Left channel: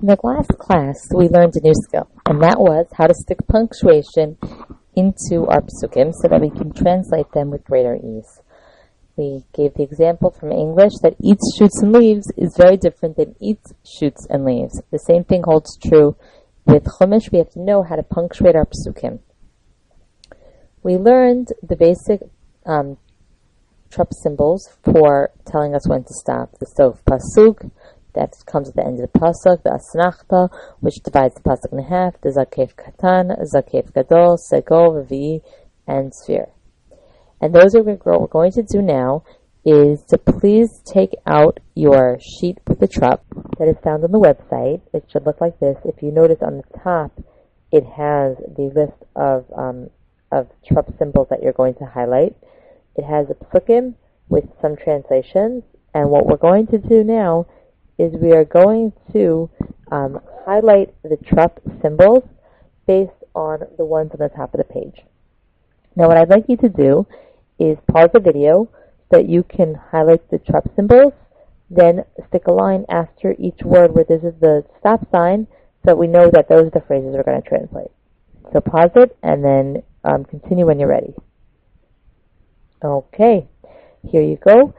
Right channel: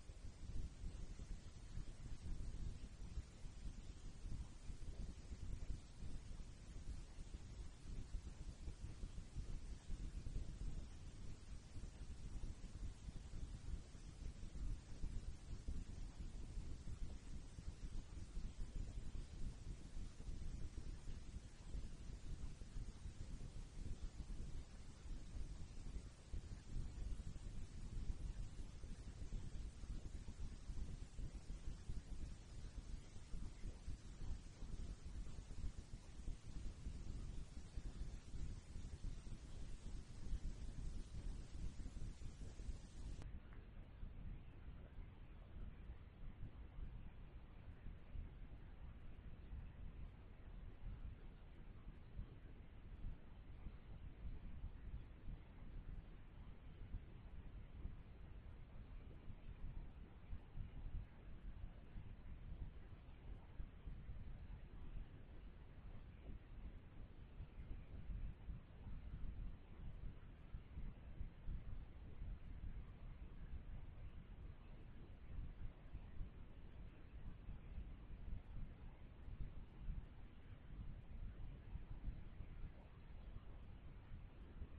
In the last class, we learned a new skill, and that was how to stick punctuation into our pesukim so that we can translate them with greater ease. We gave the example from English that eats, shoots, and leaves is very different than eats, shoots, and leaves. The same thing holds true with Chumash. We have to know how to punctuate our pesukim. We learned the basic trop symbols for telling us when to stop. The sof pasuk, that comes at the end of the pasuk, the asnachta, which divides the pasuk in half, the zakef katan, zakef gadol, segol, revi, and sphere. And those are what we're going to do now is to please take out your sheet with the trop that is found on the website. It should look like this. If you notice on the top, it has the list of trop symbols that you're going to highlight. It has a pesukim with some translations, and what we're going to do now is we are going to highlight the trop symbols based on the ones on the top of the page. Now what I'd like you to do is pause the video so that you can highlight the trop symbols, then stick a line after each word where this is the stop sign so that we know that those are the phrases we're going to translate. So pause it and then continue when you're ready. Okay, here you go.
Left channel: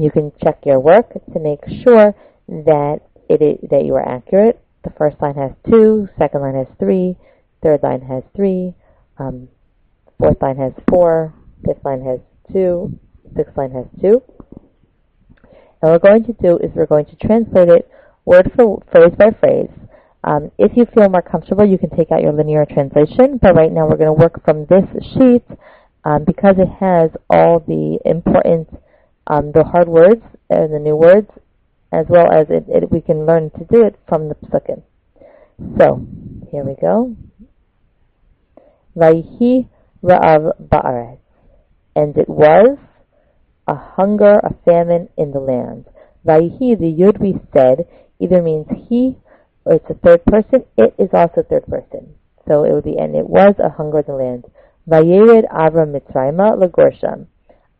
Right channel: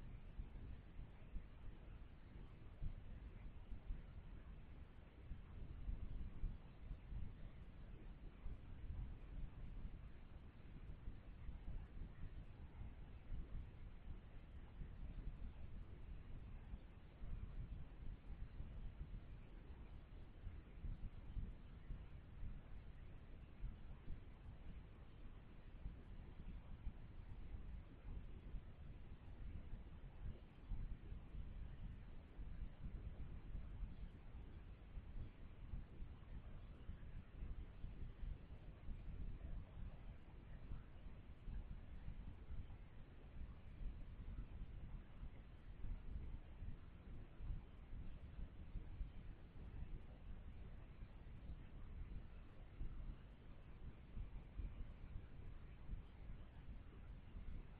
You can check your work to make sure that that you are accurate. The first line has 2, second line has 3, third line has 3, fourth line has 4, fifth line has 2, sixth line has 2. And what we're going to do is we're going to translate it word for phrase by phrase. If you feel more comfortable, you can take out your linear translation, but right now we're going to work from this sheet because it has all the important, the hard words and the new words, as well as we can learn to do it from the pesukim. So, here we go. Vayhi ra'av ba'aretz. And it was a hunger, a famine in the land. Vayhi, the yud we said, either means he, or it's a third person. It is also third person. So it would be, and it was a hunger in the land. Vayered Avram Mitzrayma Lagorsham.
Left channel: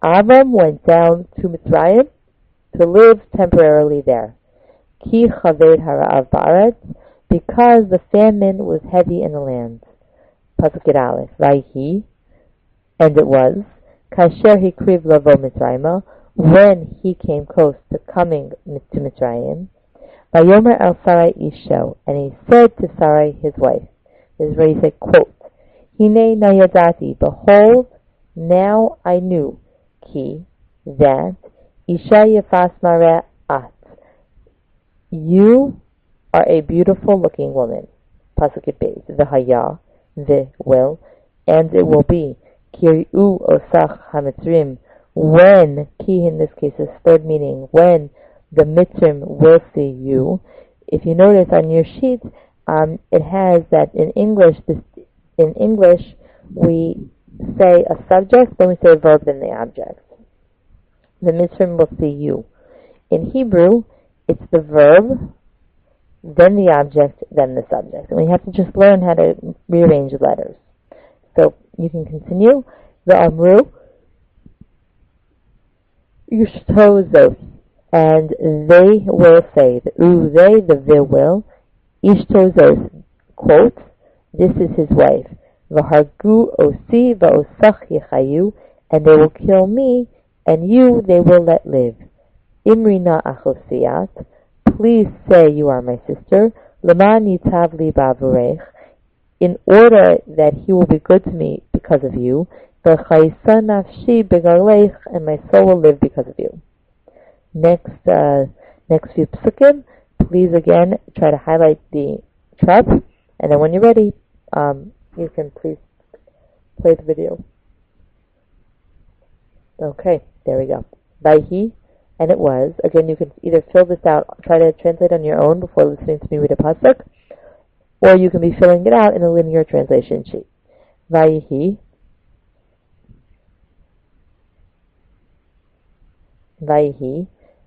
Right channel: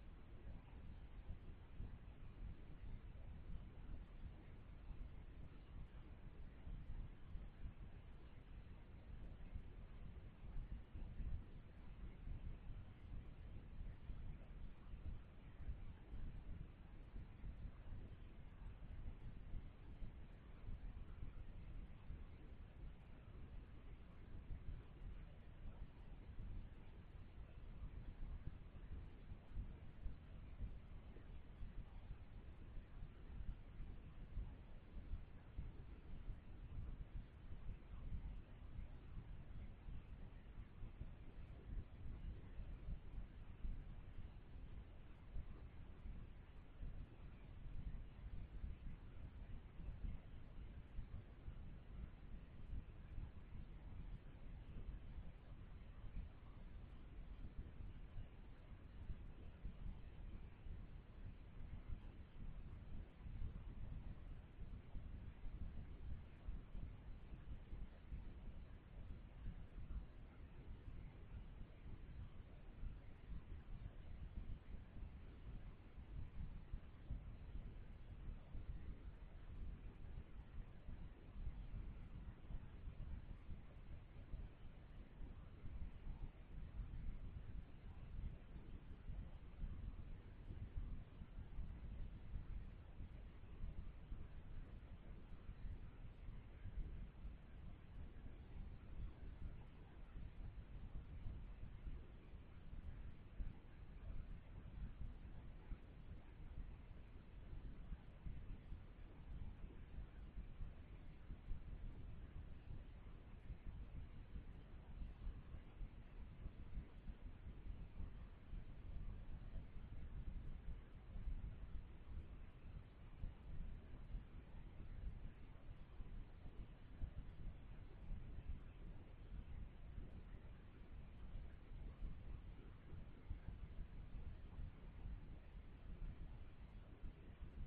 Avram went down to Mitzrayim to live temporarily there. Ki chaved hara'av ba'aretz, because the famine was heavy in the land. Pasuk Aleph. Vayhi, and it was, kasher hikriv lavo Mitzrayma, when he came close to coming to Mitzrayim. Vayomer el Sarai isho, and he said to Sarai his wife. This is where he said, quote, Hine nayadati, behold, now I knew, ki, that, Isha yafas mareh at, you are a beautiful looking woman. Pasuk Beis, v'haya, the will, and it will be, Kiri'u osach hamitzrim, when, ki in this case is third meaning, when the mitzrim will see you. If you notice on your sheet, it has that in English we say a subject, then we say a verb, then the object. The mitzrim will see you. In Hebrew, it's the verb, then the object, then the subject. And we have to just learn how to rearrange the letters. So you can continue. The amru, yishtozos, and they will say, the they, the will, ishtozos, quote, this is his wife. V'hargu osi v'osach yichayu, and they will kill me, and you they will let live. Imrina achosiyat, please say you are my sister. Leman yitav li ba'avurech, in order that he will be good to me because of you. V'chayisa nafshi begalech, and my soul will live because of you. Next few pesukim, please again try to highlight the trop, and then when you're ready, you can please play the video. Okay, there we go. Vayhi, and it was. Again, you can either fill this out, try to translate on your own before listening to me read a pasuk, or you can be filling it out in a linear translation sheet. Vayhi,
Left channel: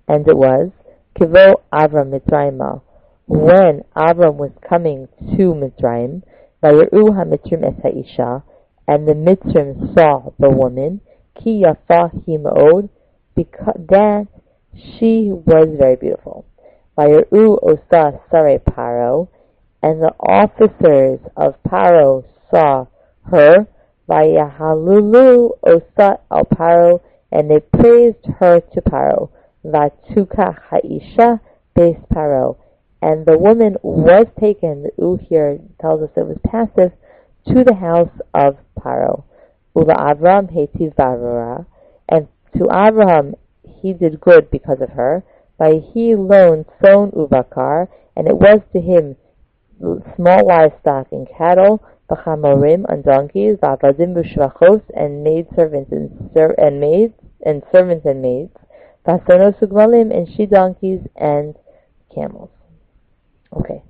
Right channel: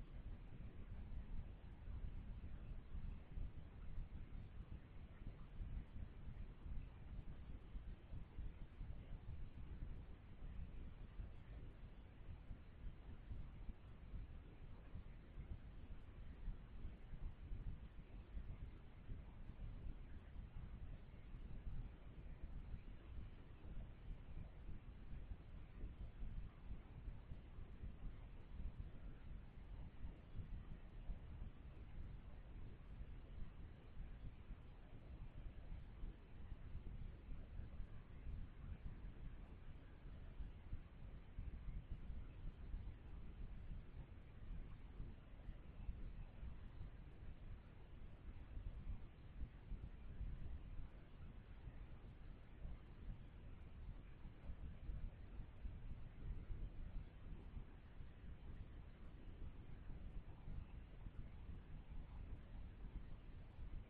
and it was, Kivo Avram Mitzrayma, when Avram was coming to Mitzrayim, Vayeru ha-Mitzrim es ha'isha, and the Mitzrim saw the woman, Ki yafa hi ma'od, because that she was very beautiful. Vayeru osa sare Paro, and the officers of Paro saw her, Vayahalulu osa al Paro, and they praised her to Paro, Vatuka haisha base Paro, and the woman was taken, the U here tells us it was passive, to the house of Paro. Ula Avram hetiv barura, and to Abraham he did good because of her. By he loaned son uvakar, and it was to him small livestock and cattle, b'chamorim on donkeys, v'avadim b'shvachos, and maidservants and maids, and servants and maids, v'asonos ugmalim, and she donkeys and camels. Okay.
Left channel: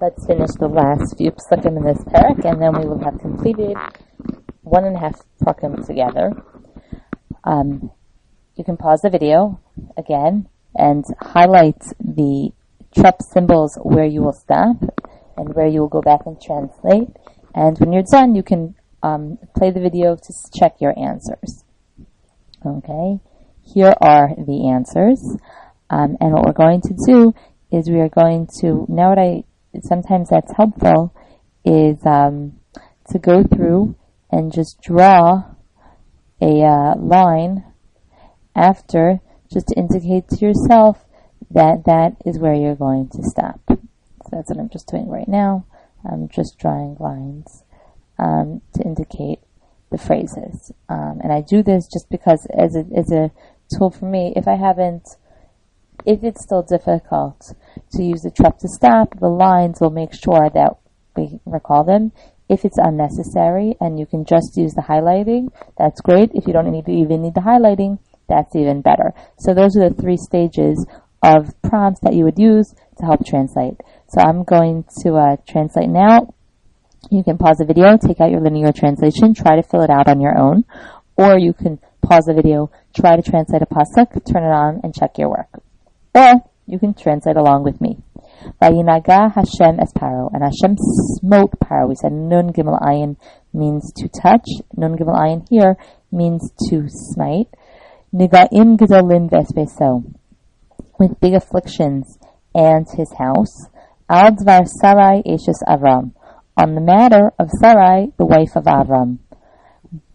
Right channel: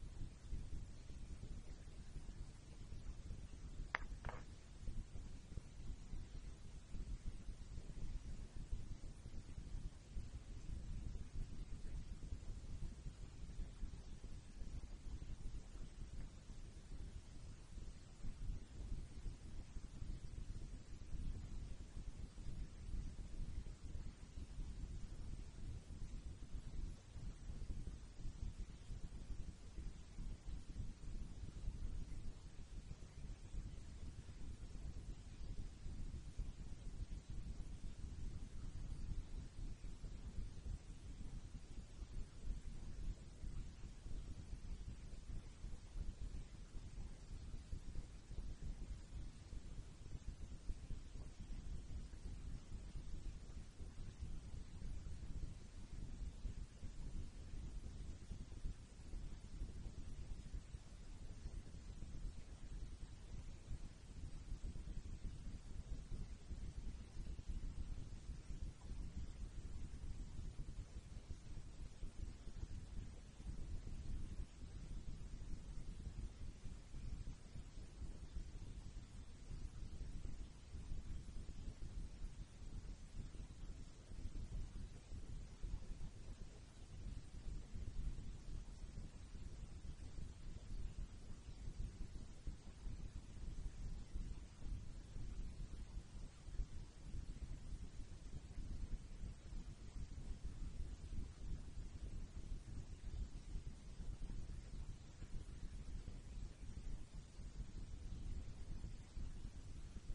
Let's finish the last few pesukim in this perek, and then we will have completed 1.5 pesukim together. You can pause the video again and highlight the trop symbols where you will stop and where you will go back and translate. And when you're done, you can play the video to check your answers. Okay, here are the answers. And what we're going to do is we are going to, sometimes that's helpful, is to go through and just draw a line after, just to indicate to yourself that that is where you're going to stop. So that's what I'm just doing right now. I'm just drawing lines to indicate the phrases. And I do this just because as a tool for me, if it's still difficult to use the trop to stop, the lines will make sure that we recall them. If it's unnecessary and you can just use the highlighting, that's great. If you don't even need the highlighting, that's even better. So those are the 3 stages of prompts that you would use to help translate. So I'm going to translate now. You can pause the video, take out your linear translation, try to fill it out on your own, or you can pause the video, try to translate a pasuk, turn it on, and check your work. Or you can translate along with me. Vayinaga Hashem es Paro, and Hashem smote Paro. We said Nun Gimel Ayin means to touch. Nun Gimel Ayin here means to smite. Nigaim Gedolim Vespeso, with big afflictions and his house. Al Dvar Sarai Eshes Avram, on the matter of Sarai, the wife of Avram.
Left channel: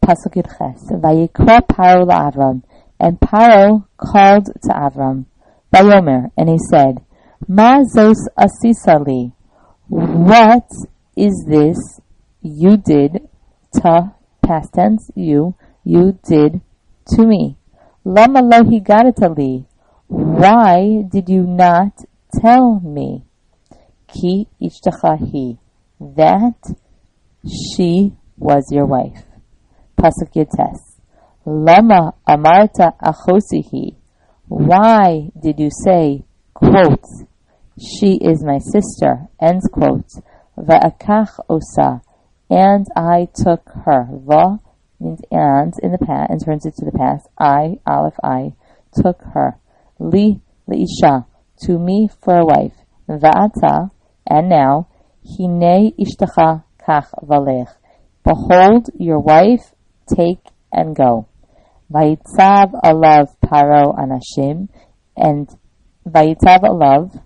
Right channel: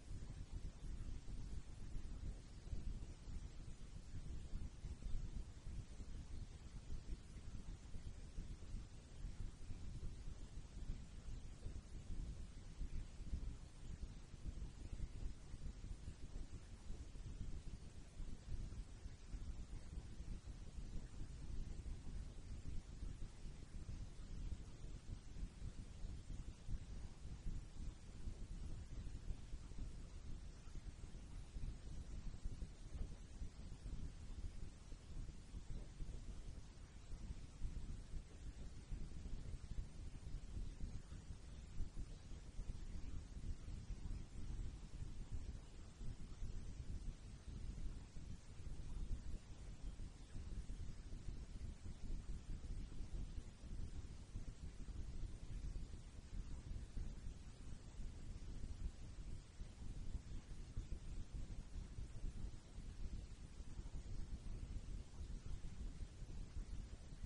Pasuk Yud Ches. Vayikra Paro LaAvram, and Paro called to Avram. Vayomer, and he said, Ma zos asisali, what is this you did, past tense, you did to me? Lama lo higadatali, why did you not tell me? Ki ishtachahi, that she was your wife. Pasuk Yotes. Lama amarta achosihi, why did you say, quote, she is my sister, end quote, va'akach osa, and I took her. Va means and in the past, and turns it to the past. I, aleph, I, took her. Li, leisha, to me for a wife. Va'ata, and now, hine ishtacha kach valech, behold your wife, take and go. Vayitzav alav Paro anashim, and Vayitzav alav,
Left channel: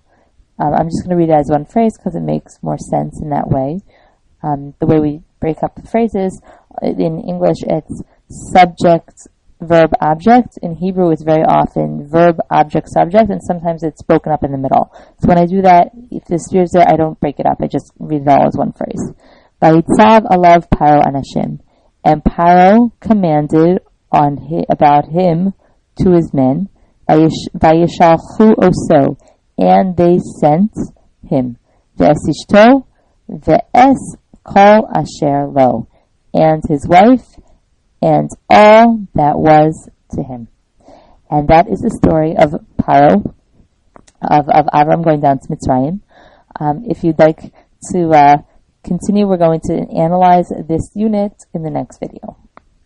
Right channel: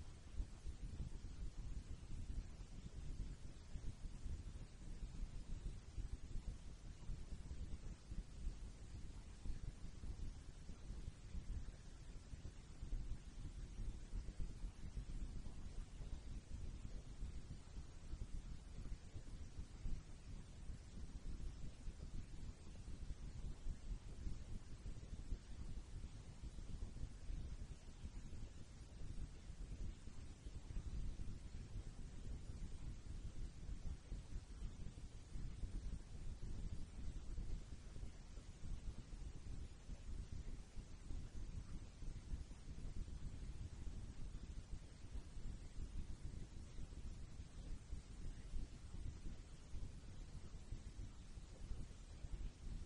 I'm just going to read it as one phrase because it makes more sense in that way. The way we break up the phrases, in English it's subject, verb, object. In Hebrew it's very often verb, object, subject, and sometimes it's broken up in the middle. So when I do that, if the sphere's there, I don't break it up. I just read it all as one phrase. Vayitzav alav Paro anashim, and Paro commanded about him to his men, Vayishalchu oso, and they sent him, Ve'esishto, ve'es kol asher lo, and his wife, and all that was to him. And that is the story of Paro, of Avram going down to Mitzrayim. If you'd like to continue, we're going to analyze this unit in the next video.